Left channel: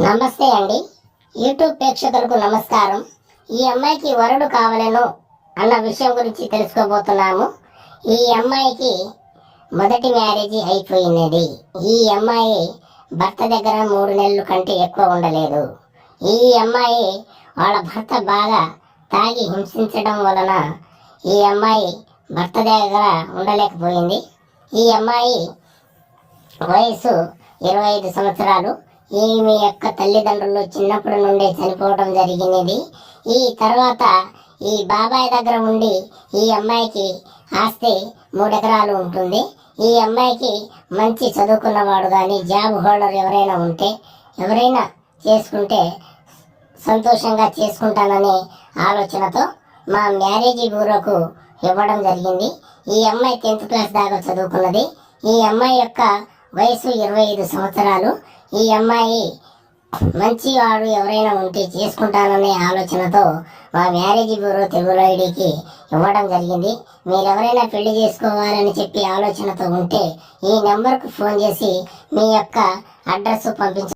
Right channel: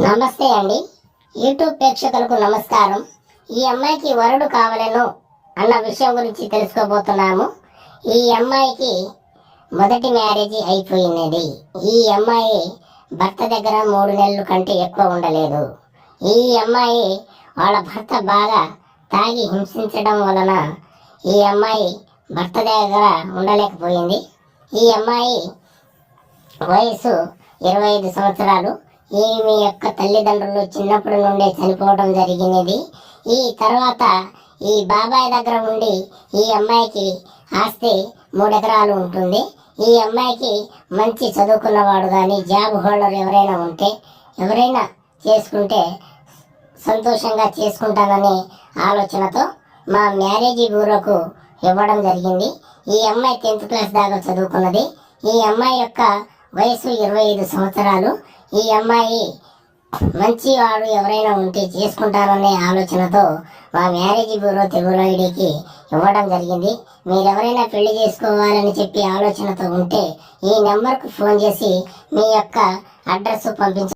నమస్తే అండి. యూట్యూబ్ ప్రేక్షకులకు నమస్కారం. ఈ అమ్మాయికి వరుడు కావాలను అన్న విషయం గురించి తెలుసుకోబోతున్నాము. ఈ అమ్మాయికి మొదటి మ్యారేజ్ అయిపోయినది. ఈ అమ్మాయి భర్త దగ్గర 3 నెలల కంటే ఎక్కువ ఉండలేదు. ఈ అమ్మాయి వాళ్ళ భర్త బాగా తాగి హింసించడం వలన ఈ అమ్మాయి భర్త దగ్గర ఉండలేకపోయింది. ఈ అమ్మాయి వయసు 25 సంవత్సరాలు. ఈమె యొక్క తల్లిదండ్రులు చిన్నప్పటి నుండే చనిపోవడం జరిగినది. ఈ తర్వాత ఈ బాబాయ్ దగ్గర ఉండి ఈ అమ్మాయికి ఆస్తి 3 ఎకరాలు ఉంటుంది. ఈ అమ్మాయికి మంచి చదువుకున్నవాడు కానీ జాబ్ హోల్డర్ ఎవరైనా చేసుకుంటే సంతోషంగా చేసుకుంటాననే ఆలోచనతో మా మ్యారేజీ బ్యూరోకు ఇవ్వడం జరిగింది. ఈ అమ్మాయి 10th క్లాస్ దాకా చదువుకున్నది. ఈ అమ్మాయి యొక్క వయసు 25 సంవత్సరాలు. ఈ అమ్మాయి మంచివాడు ఎవరైనా ఉంటే చేసుకుంటాననే ఆలోచనతో మా మ్యారేజ్ బ్యూరో తెలుగులో ఐడికి ఇవ్వడం జరిగింది. మీరు ఎవరైనా పెళ్లి చేసుకోవాలని చెప్పి ఆలోచనతో ఉంటే ఈ నెంబర్కు ఫోన్ చేసి మీ యొక్క అడ్రస్ పంపించ